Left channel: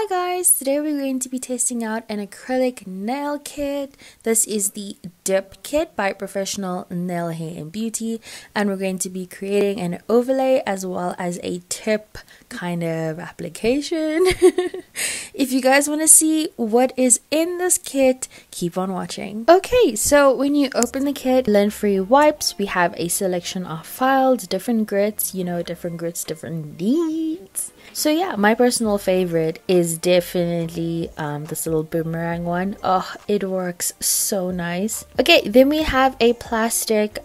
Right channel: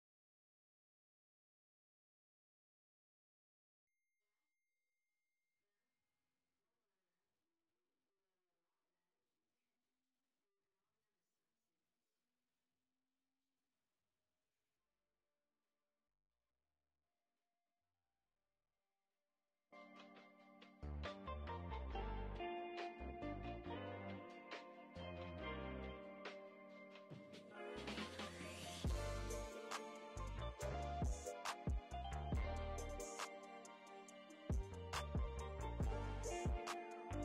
Hi guys, today we're going to be testing out an acrylic nail kit. This is the Dip Kit by Professional Nail Hair and Beauty, and we're going to be creating an overlay as well as a tip kind of application. If you guys want to see what is in this kit, keep on watching. Okay, so when you open the kit, lint-free wipes, we have a selection of files, different grits, different needs. So yeah, my personal favorite is definitely this little boomerang one. Oh, it works so nice. Okay, then we have a plastic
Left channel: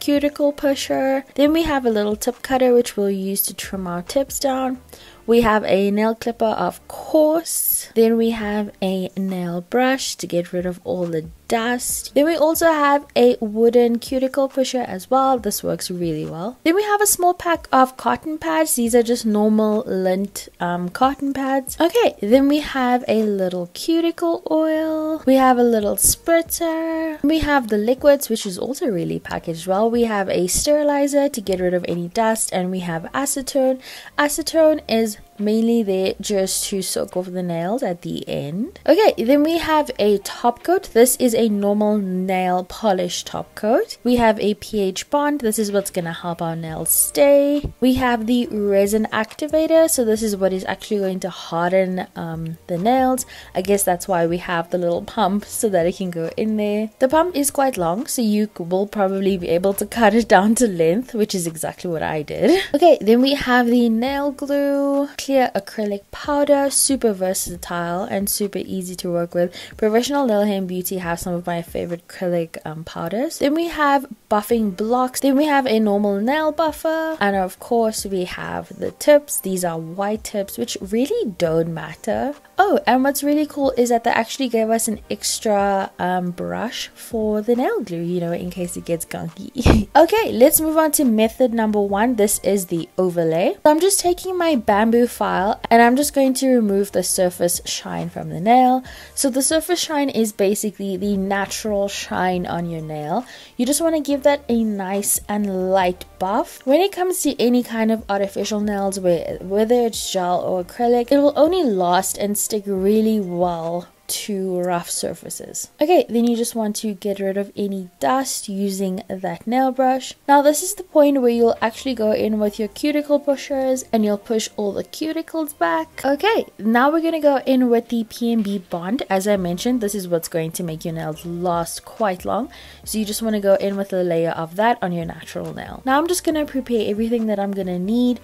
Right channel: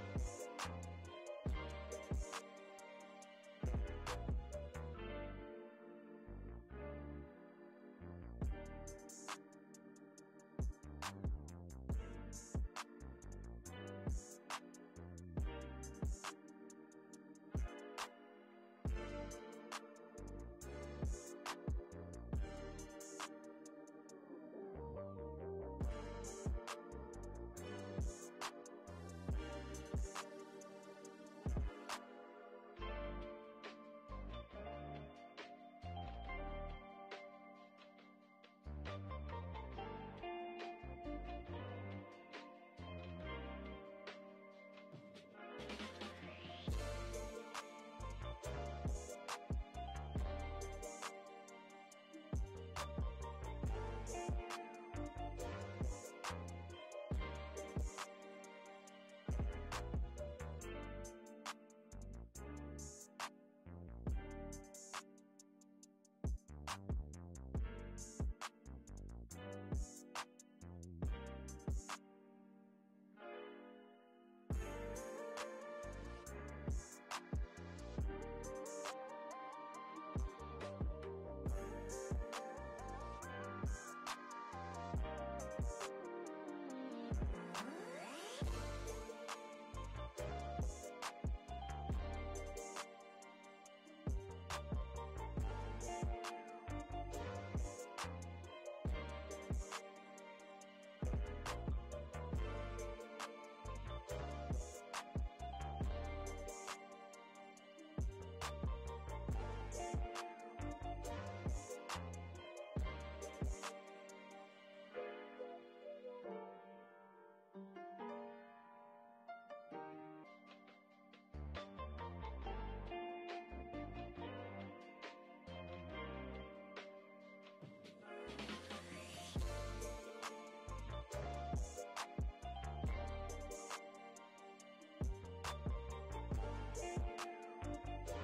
cuticle pusher. Then we have a little tip cutter which we'll use to trim our tips down. We have a nail clipper, of course. Then we have a nail brush to get rid of all the dust. Then we also have a wooden cuticle pusher as well. This works really well. Then we have a small pack of cotton pads. These are just normal lint cotton pads. Okay, then we have a little cuticle oil. We have a little spritzer. We have the liquids, which is also really packaged well. We have a sterilizer to get rid of any dust, and we have acetone. Acetone is mainly there just to soak off the nails at the end. Okay, then we have a top coat. This is a normal nail polish top coat. We have a pH bond. This is what's gonna help our nails stay. We have the Resin Activator. So this is what is actually going to harden the nails. I guess that's why we have the little pump so that it can go in there. The pump is quite long, so you will probably be able to cut it down to length, which is exactly what I did. Okay, then we have the nail glue, clear acrylic powder, super versatile and super easy to work with. Professional Nail Hair and Beauty have some of my favorite acrylic powders. Then we have buffing blocks. Then we have a normal nail buffer, and of course we have the tips. These are white tips which really don't matter. Oh, and what's really cool is that they actually gave us an extra brush for the nail glue, you know, in case it gets gunky. Okay, let's move on to method number one. This is the overlay. So I'm just taking my bamboo file and I'm just going to remove the surface shine from the nail. So the surface shine is basically the natural shine on your nail. You just want to give that a nice and light buff. When it comes to any kind of artificial nails, whether it's gel or acrylic, it will only last and stick really well to rough surfaces. Okay, then you just want to get rid of any dust using that nail brush. Now this is the point where you'll actually go in with your cuticle pushers and you'll push all the cuticles back. Okay, now we're gonna go in with the PMB bond. As I mentioned, this is what's going to make your nails last quite long, so you just want to go in with a layer of that on your natural nail. Now I'm just gonna prepare everything that I'm gonna need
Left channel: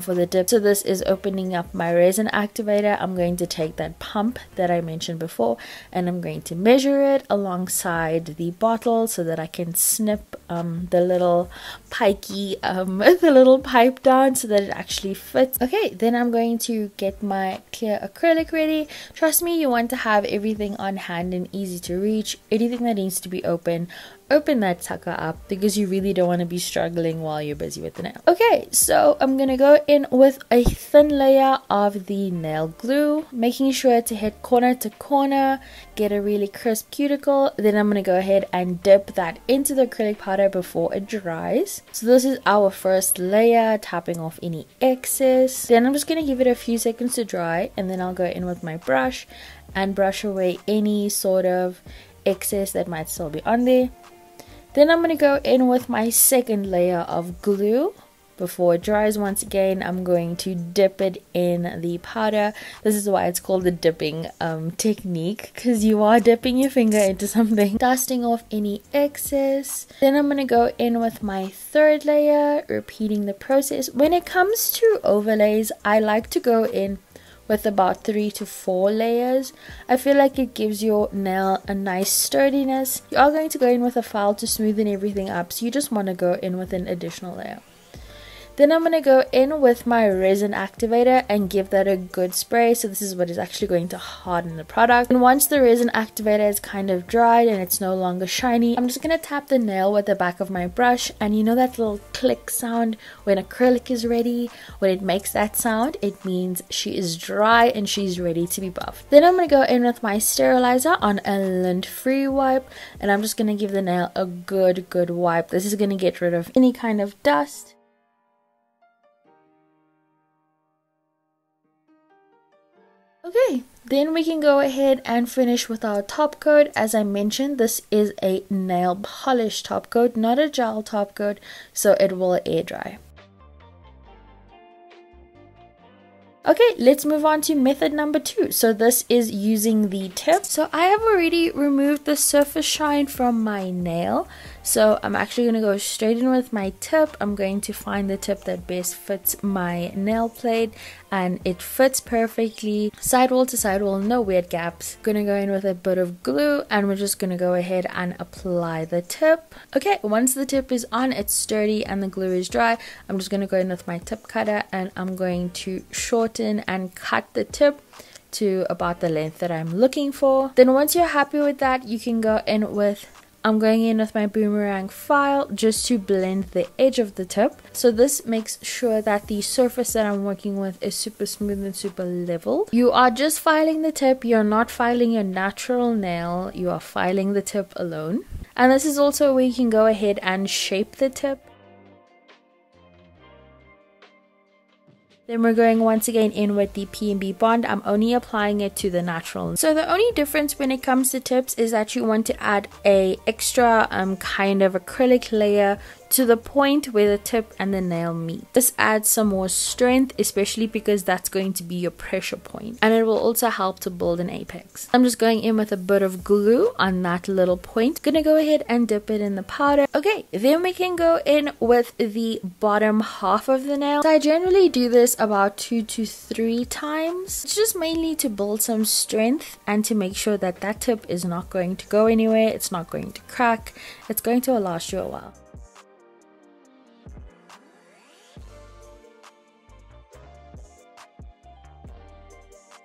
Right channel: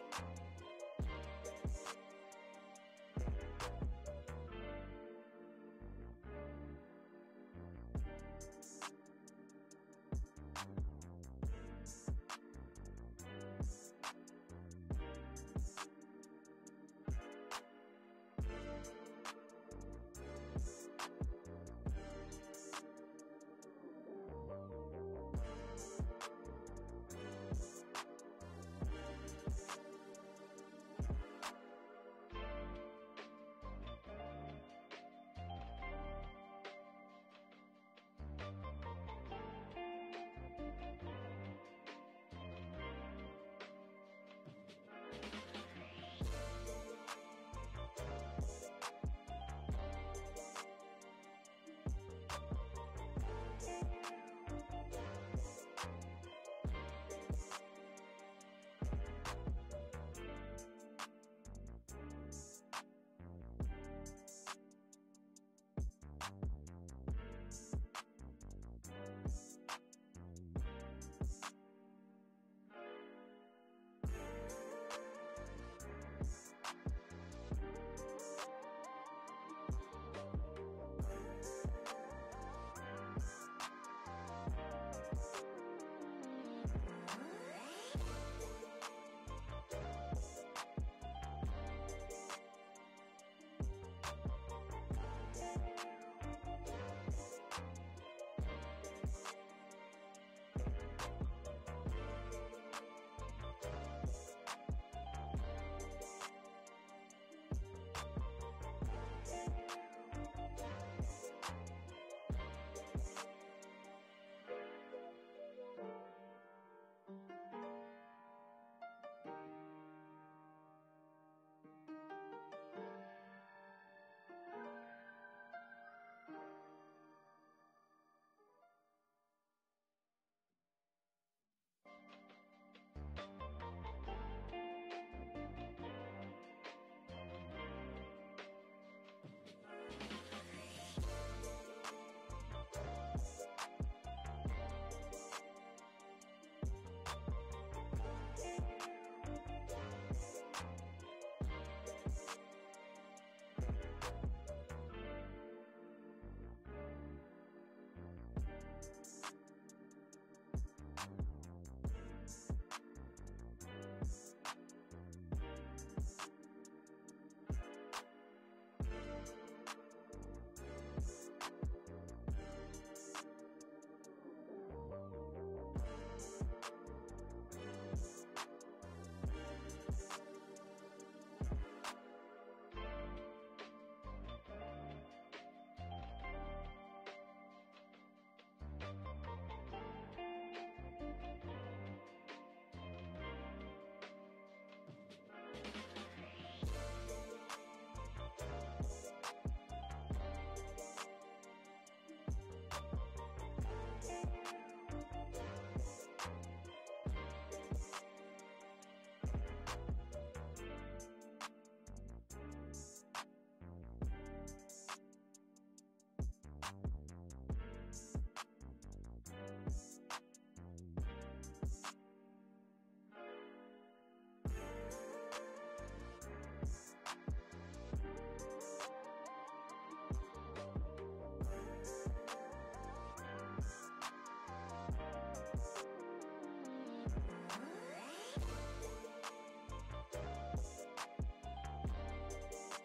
for the dip. So this is opening up my resin activator. I'm going to take that pump that I mentioned before and I'm going to measure it alongside the bottle so that I can snip the little pikey the little pipe down so that it actually fits. Okay, then I'm going to get my clear acrylic ready. Trust me, you want to have everything on hand and easy to reach. Anything that needs to be open that sucker up because you really don't want to be struggling while you're busy with the nail. Okay, so I'm gonna go in with a thin layer of the nail glue, making sure to hit corner to corner, get a really crisp cuticle. Then I'm gonna go ahead and dip that into the acrylic powder before it dries. So this is our first layer, tapping off any excess. Then I'm just gonna give it a few seconds to dry, and then I'll go in with my brush and brush away any sort of excess that might still be on there. Then I'm going to go in with my second layer of glue. Before it dries, once again, I'm going to dip it in the powder. This is why it's called the dipping technique, because you are dipping your finger into something. Dusting off any excess. Then I'm going to go in with my third layer, repeating the process. When it comes to overlays, I like to go in with about 3 to 4 layers. I feel like it gives your nail a nice sturdiness. You are going to go in with a file to smoothen everything up, so you just want to go in with an additional layer. Then I'm going to go in with my Resin Activator and give that a good spray. So this is what is actually going to harden the product. And once the Resin Activator is kind of dried and it's no longer shiny, I'm just going to tap the nail with the back of my brush. And you know that little click sound when acrylic is ready? When it makes that sound, it means she is dry and she's ready to be buffed. Then I'm going to go in with my sterilizer on a lint-free wipe. And I'm just going to give the nail a good wipe. This is going to get rid of any kind of dust. Okay, then we can go ahead and finish with our top coat. As I mentioned, this is a nail polish top coat, not a gel top coat, so it will air dry. Okay, let's move on to method number 2. So this is using the tip. So I have already removed the surface shine from my nail. So I'm actually going to go straight in with my tip. I'm going to find the tip that best fits my nail plate, and it fits perfectly sidewall to sidewall, no weird gaps. Gonna go in with a bit of glue, and we're just gonna go ahead and apply the tip. Okay, once the tip is on, it's sturdy and the glue is dry, I'm just gonna go in with my tip cutter and I'm going to shorten and cut the tip to about the length that I'm looking for. Then once you're happy with that, you can go in with, I'm going in with my boomerang file just to blend the edge of the tip. So this makes sure that the surface that I'm working with is super smooth and super level. You are just filing the tip, you're not filing your natural nail, you are filing the tip alone. And this is also where you can go ahead and shape the tip. Then we're going once again in with the P&B bond. I'm only applying it to the natural. So the only difference when it comes to tips is that you want to add a extra kind of acrylic layer to the point where the tip and the nail meet. This adds some more strength, especially because that's going to be your pressure point, and it will also help to build an apex. I'm just going in with a bit of glue on that little point. Gonna go ahead and dip it in the powder. Okay, then we can go in with the bottom half of the nail. So I generally do this about 2 to 3 times. It's just mainly to build some strength and to make sure that that tip is not going to go anywhere, it's not going to crack, it's going to last you a while.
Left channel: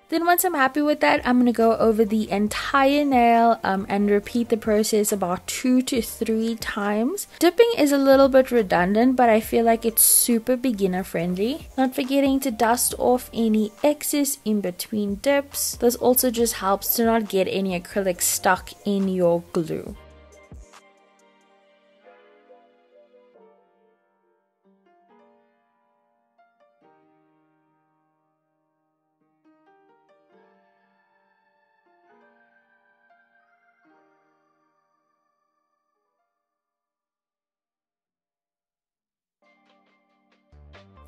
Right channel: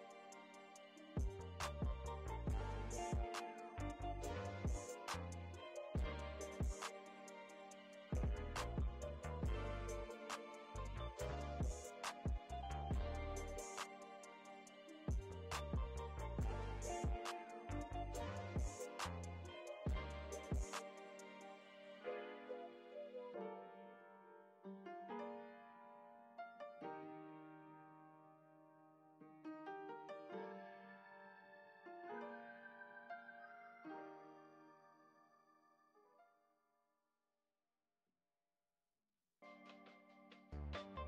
Then once I'm happy with that, I'm going to go over the entire nail and repeat the process about 2 to 3 times. Dipping is a little bit redundant, but I feel like it's super beginner friendly. Not forgetting to dust off any excess in between dips. This also just helps to not get any acrylic stuck in your glue.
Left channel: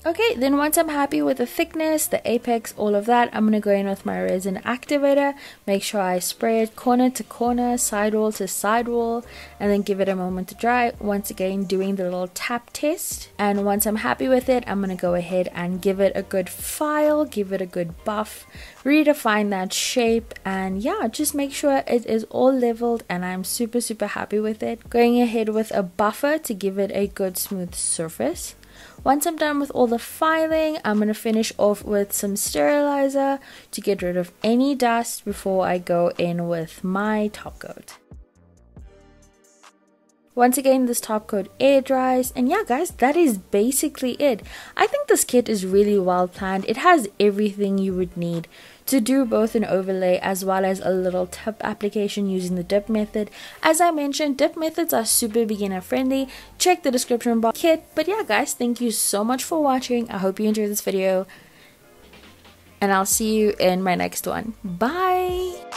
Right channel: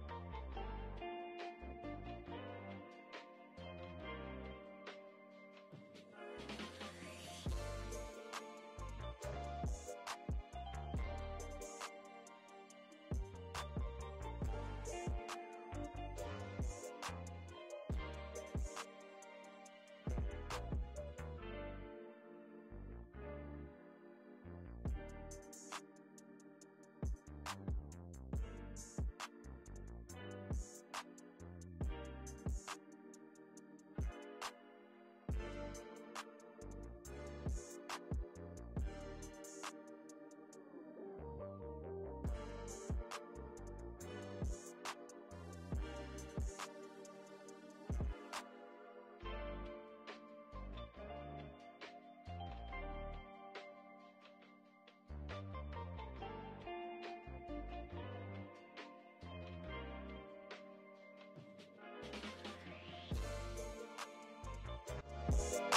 Okay, then once I'm happy with the thickness, the apex, all of that, I'm going to go in with my Resin Activator, make sure I spray it corner to corner, sidewall to sidewall, and then give it a moment to dry. Once again, doing the little tap test. And once I'm happy with it, I'm going to go ahead and give it a good file, give it a good buff, redefine that shape, and yeah, just make sure it is all leveled, and I'm super happy with it. Going ahead with a buffer to give it a good smooth surface. Once I'm done with all the filing, I'm going to finish off with some sterilizer to get rid of any dust before I go in with my top coat. Once again, this top coat air dries, and yeah guys, that is basically it. I think this kit is really well planned. It has everything you would need to do both an overlay as well as a little tip application using the dip method. As I mentioned, dip methods are super beginner friendly. Check the description box kit. But yeah guys, thank you so much for watching. I hope you enjoyed this video, and I'll see you in my next one. Bye.